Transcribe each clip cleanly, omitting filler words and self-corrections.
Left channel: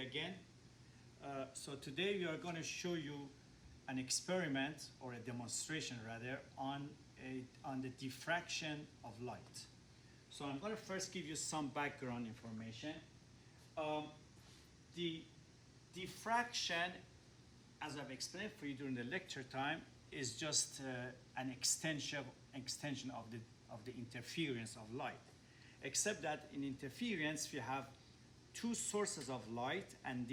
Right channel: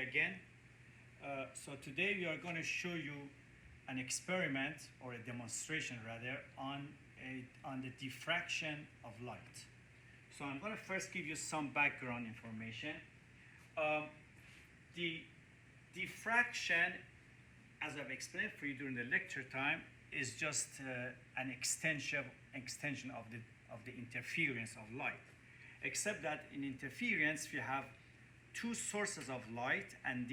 again. So today we are going to show you an experiment, or a demonstration rather, on the diffraction of light. So I'm going to first give you some background information. The diffraction, as I've explained for you during the lecture time, is just an extension of the interference of light. Except that in interference we have two sources of light, and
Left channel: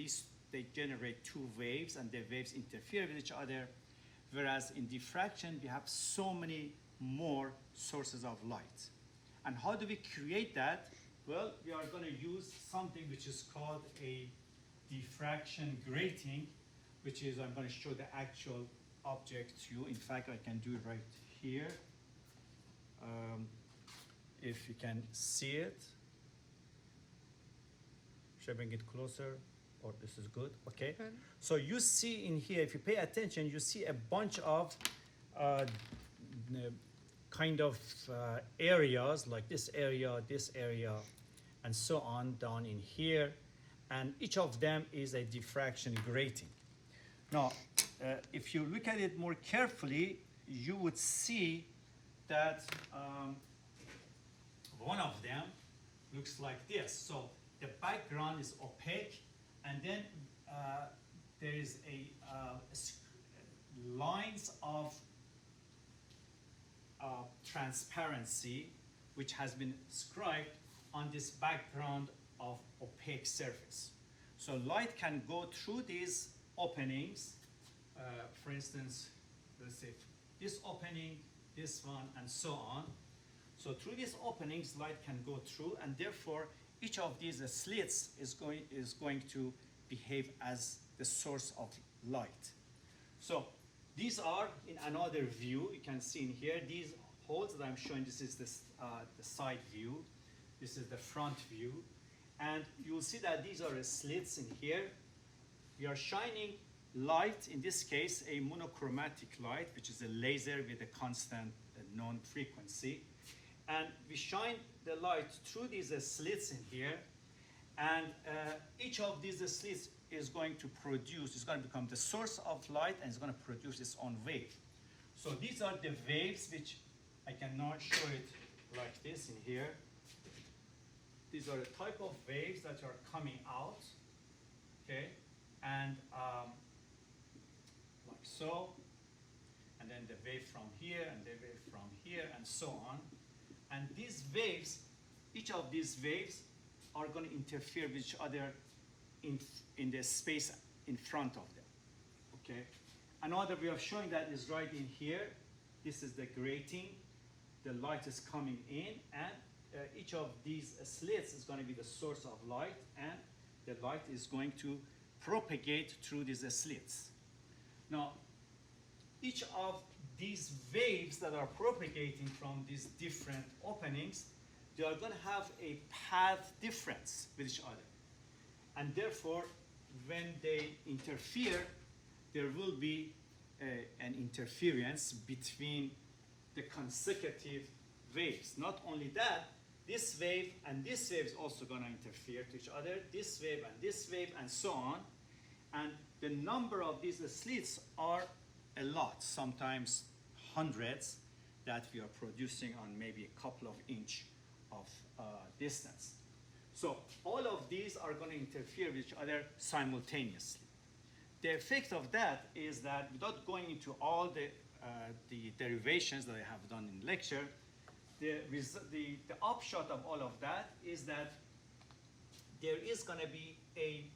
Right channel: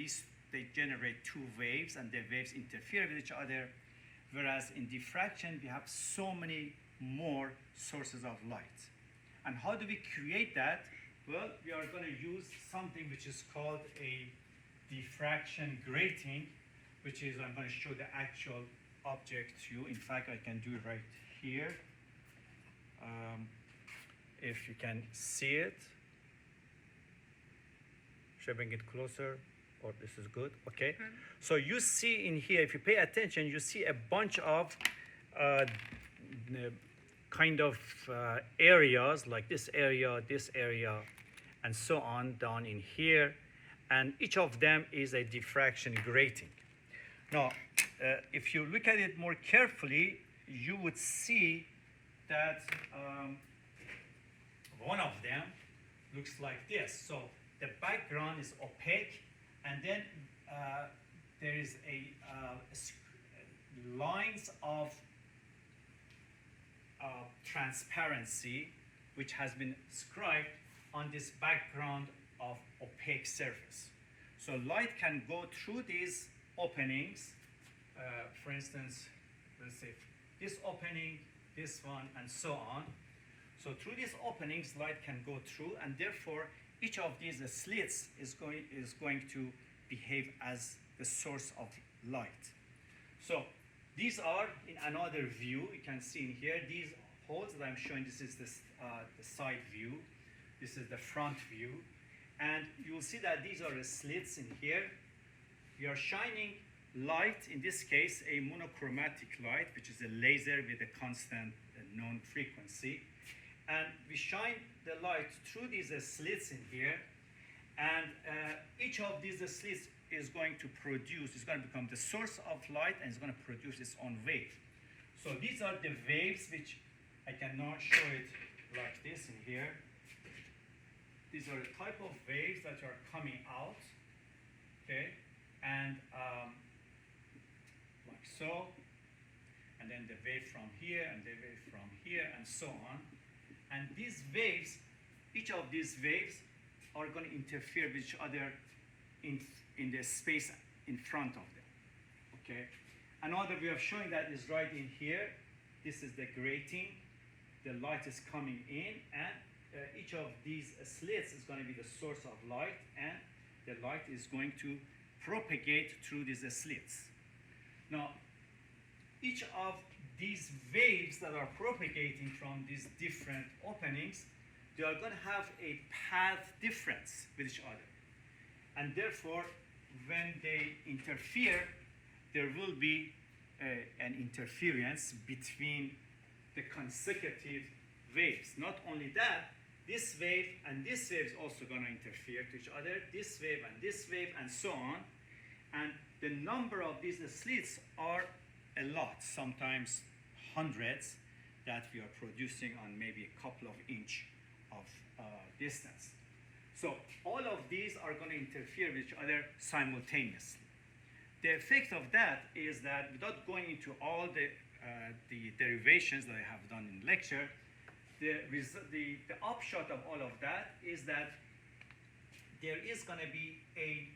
they generate two waves, and the waves interfere with each other. Whereas in diffraction we have so many more sources of light. And how do we create that? Well, we are going to use something which is called a diffraction grating, which is, I'm going to show the actual object to you. In fact, I can do it right here. If you can see it. Should I bring it closer? Or this is good? Okay. Mm-hmm. So you see in here, if you pay attention, you see a bunch of areas, like this area, and so on down in here. And each of them is a diffraction grating. Now, if you look at it more carefully, you would see that one of them looks like this. So the background is opaque, and then there is lines of transparency which has been scribed on this background of opaque surface. So light can go through these openings. For instance, let's say this opening, this one, and so on. So through these openings, light can go through, and therefore each of these slits is going to behave as the source of light. So these are in another view. You can see in here these holes that I'm showing. This is the side view. This is the front view, and you'll see that these are the slits in here. We are shining light, in this case a monochromatic light, which is a laser with a constant known frequency, and we shine the light through these slits in here, and each of these slits is going to become the source of light, and it's going to produce its own wave. So these are the waves, which I can now show it like this in here. These are the type of waves that are coming out, okay, and like so, and then the wave from here, and the wave from here, and so on. And these waves, each of these waves are going to interfere with each other in the space in front of them, okay? Another way of showing that is right in here. This is the grating. The light is coming in, and each of these slits is going to be the source of light, and the light is going to propagate through these slits. Now, each of these waves that are propagating from these different openings, they are going to have a path difference with each other. And therefore, when they interfere, there will be an interference between the consecutive waves. Not only that, this wave and this wave is also going to interfere to each other, this wave and this wave, and so on. And the number of these slits are a lot, sometimes hundreds, that we are producing on maybe a couple of inches of distance. So all of these are going to interfere with each other simultaneously. The effect of that is that, without going into all the derivations that I have done in lecture, the upshot of all of that is that there is going to be a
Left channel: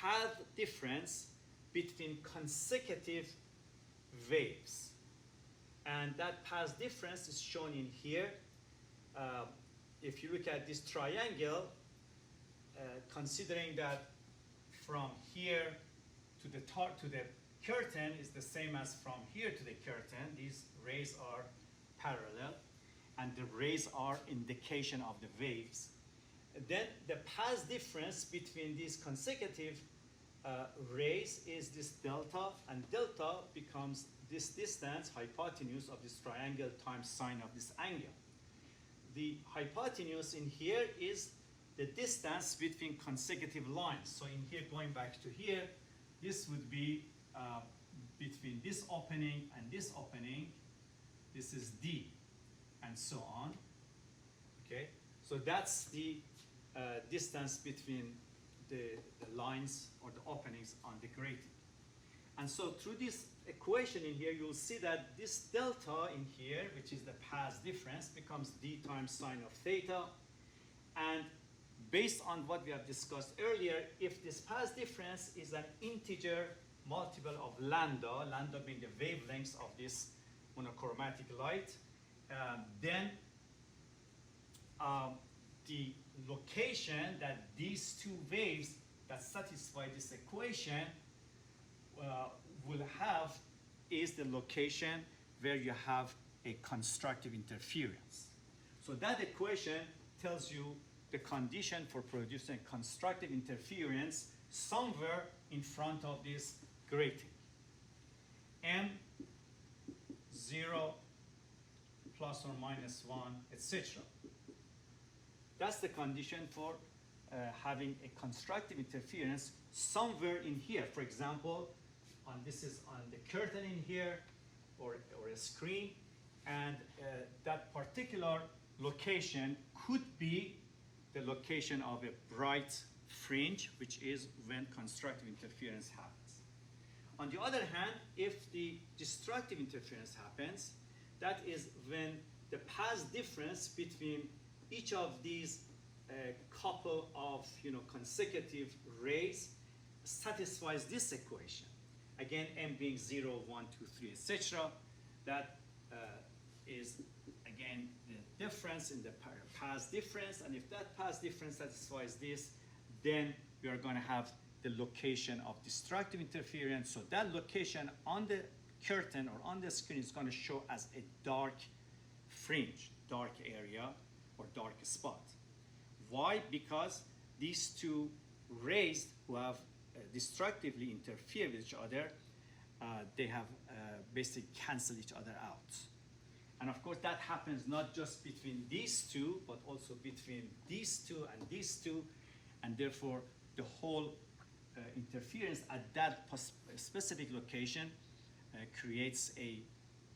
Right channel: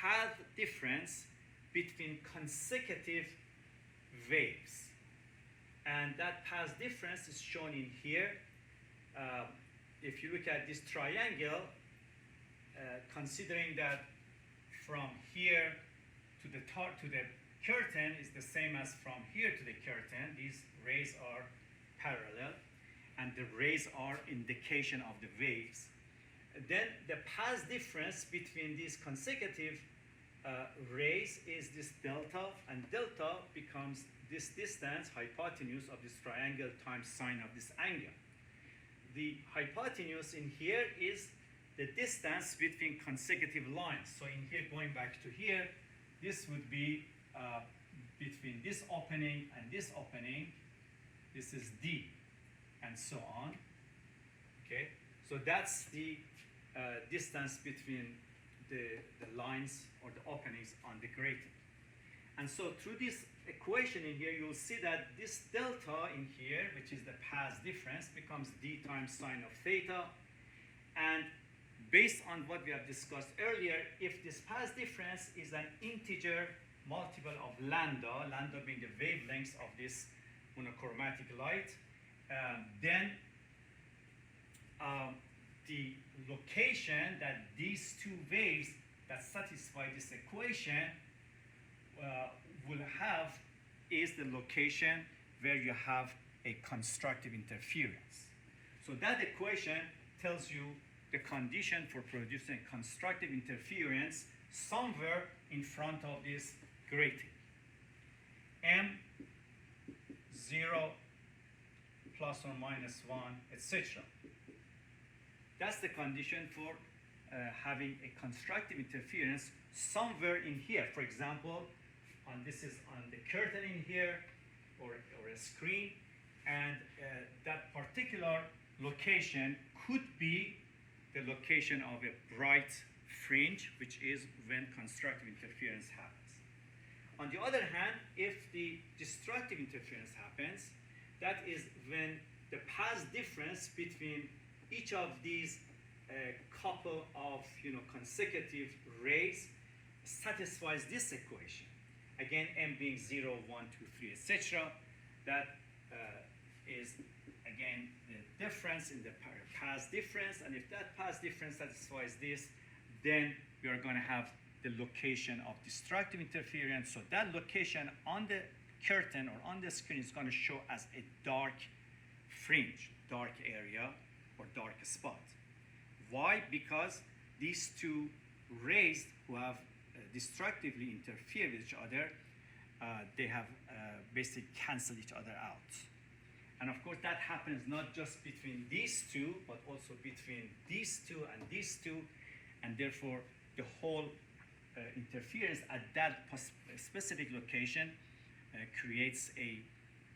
path difference between consecutive waves. And that path difference is shown in here. If you look at this triangle, considering that from here to the curtain is the same as from here to the curtain, these rays are parallel, and the rays are indication of the waves. Then the path difference between these consecutive rays is this delta, and delta becomes this distance, hypotenuse of this triangle times sine of this angle. The hypotenuse in here is the distance between consecutive lines. So in here, going back to here, this would be between this opening and this opening. This is D, and so on. Okay, so that's the distance between the lines or the openings on the grating. And so through this equation in here, you'll see that this delta in here, which is the path difference, becomes d times sine of theta. And based on what we have discussed earlier, if this path difference is an integer multiple of lambda, lambda being the wavelengths of this monochromatic light, then the location that these two waves that satisfy this equation will have is the location where you have a constructive interference. So that equation tells you the condition for producing constructive interference somewhere in front of this grating. M0 plus or minus 1, etc. That's the condition for having a constructive interference somewhere in here. For example, this is on the curtain in here, or a screen, and that particular location could be the location of a bright fringe, which is when constructive interference happens. On the other hand, if the destructive interference happens, that is when the path difference between each of these couple of consecutive rays satisfies this equation. Again, m being 0, 1, 2, 3, etc. That is again the difference in the path difference, and if that path difference satisfies this, then we are going to have the location of destructive interference. So that location on the curtain or on the screen is going to show as a dark fringe, dark area, or dark spot. Why? Because these two rays who have destructively interfere with each other, they have basically canceled each other out. And of course that happens not just between these two, but also between these two and these two, and therefore the whole interference at that specific location creates a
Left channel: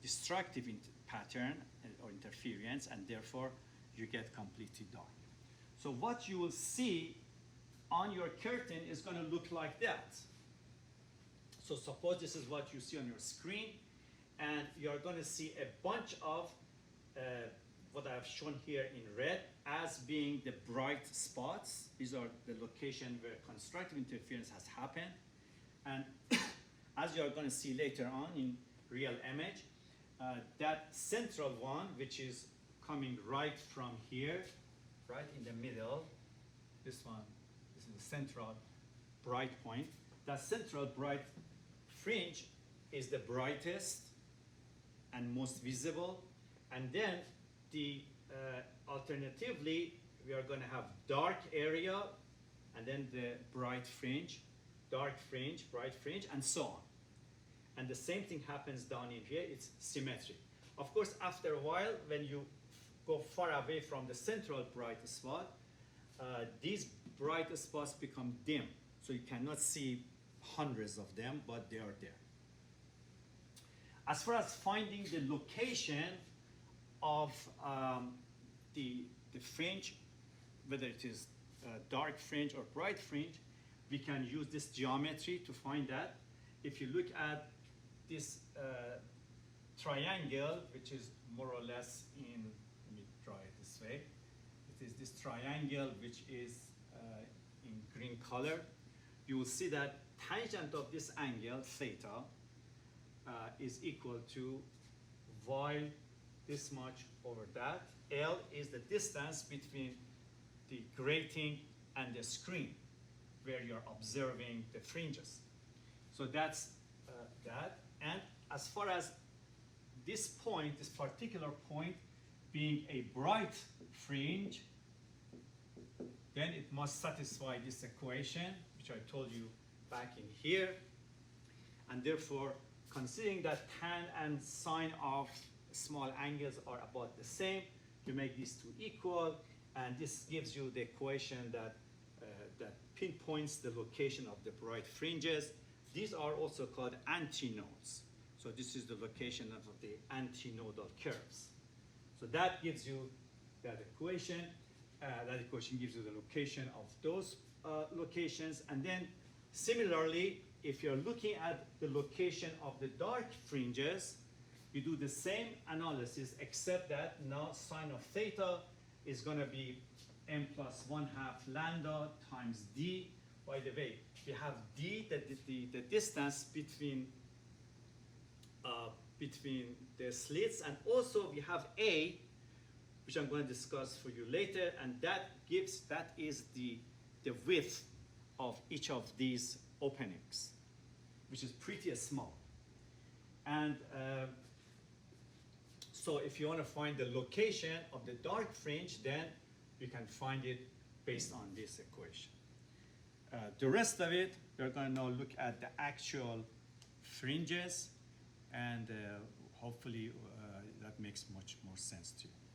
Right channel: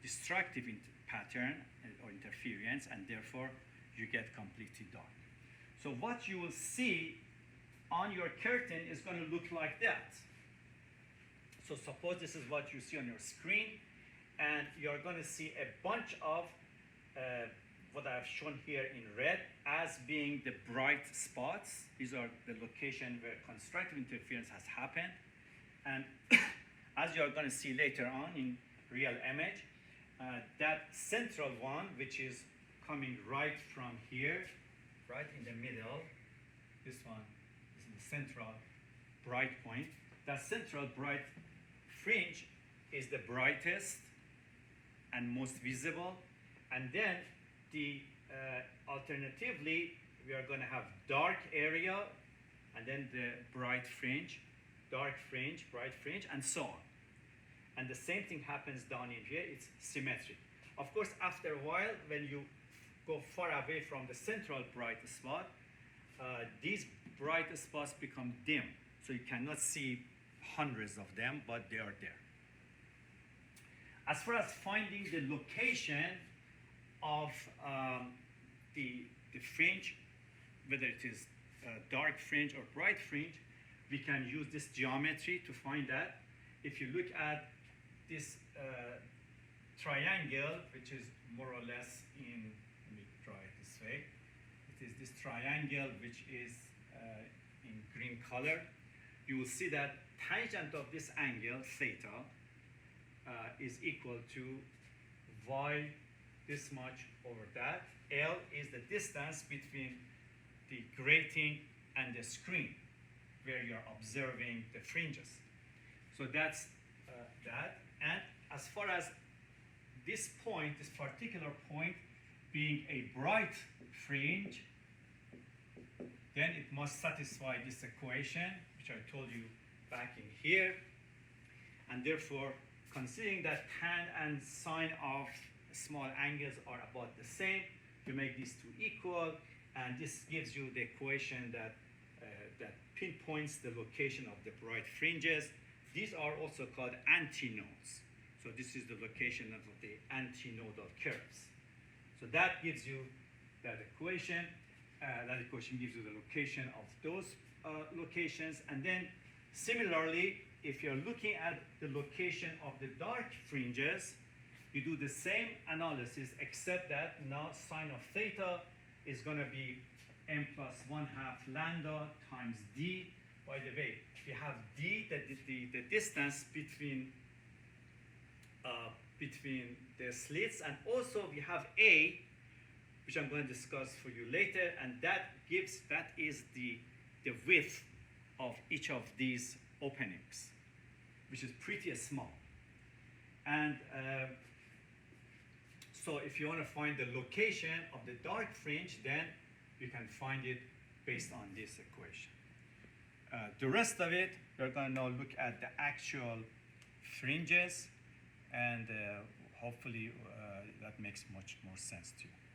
destructive pattern or interference, and therefore you get completely dark. So what you will see on your curtain is going to look like that. So suppose this is what you see on your screen, and you're going to see a bunch of what I've shown here in red as being the bright spots. These are the location where constructive interference has happened. And as you're going to see later on in real image, that central one, which is coming right from here, right in the middle, this one, this is the central bright point. That central bright fringe is the brightest and most visible. And then the alternatively, we are going to have dark area, and then the bright fringe, dark fringe, bright fringe, and so on. And the same thing happens down in here. It's symmetric. Of course, after a while, when you go far away from the central bright spot, these bright spots become dim. So you cannot see hundreds of them, but they are there. As far as finding the location of the fringe, whether it is dark fringe or bright fringe, we can use this geometry to find that. If you look at this triangle, which is more or less in, let me draw it this way. It is this triangle which is in green color. You will see that tangent of this angle, theta, is equal to y this much over that. L is the distance between the grating and the screen where you're observing the fringes. So that's that. And as far as this point, this particular point being a bright fringe, then it must satisfy this equation, which I told you back in here. And therefore, considering that tan and sine of small angles are about the same, you make these two equal, And this gives you the equation that, that pinpoints the location of the bright fringes. These are also called antinodes. So this is the location of the antinodal curves. So that gives you that equation. That equation gives you the location of those locations. And then similarly, if you're looking at the location of the dark fringes, you do the same analysis, except that now sine of theta is going to be m plus 1/2 lambda times d. By the way, we have d, the distance between the slits, and also we have a, which I'm going to discuss for you later, and that is the width of each of these openings, which is pretty small. And so if you want to find the location of the dark fringe, then you can find it based on this equation. The rest of it, we're going to now look at the actual fringes, and hopefully that makes much more sense to you.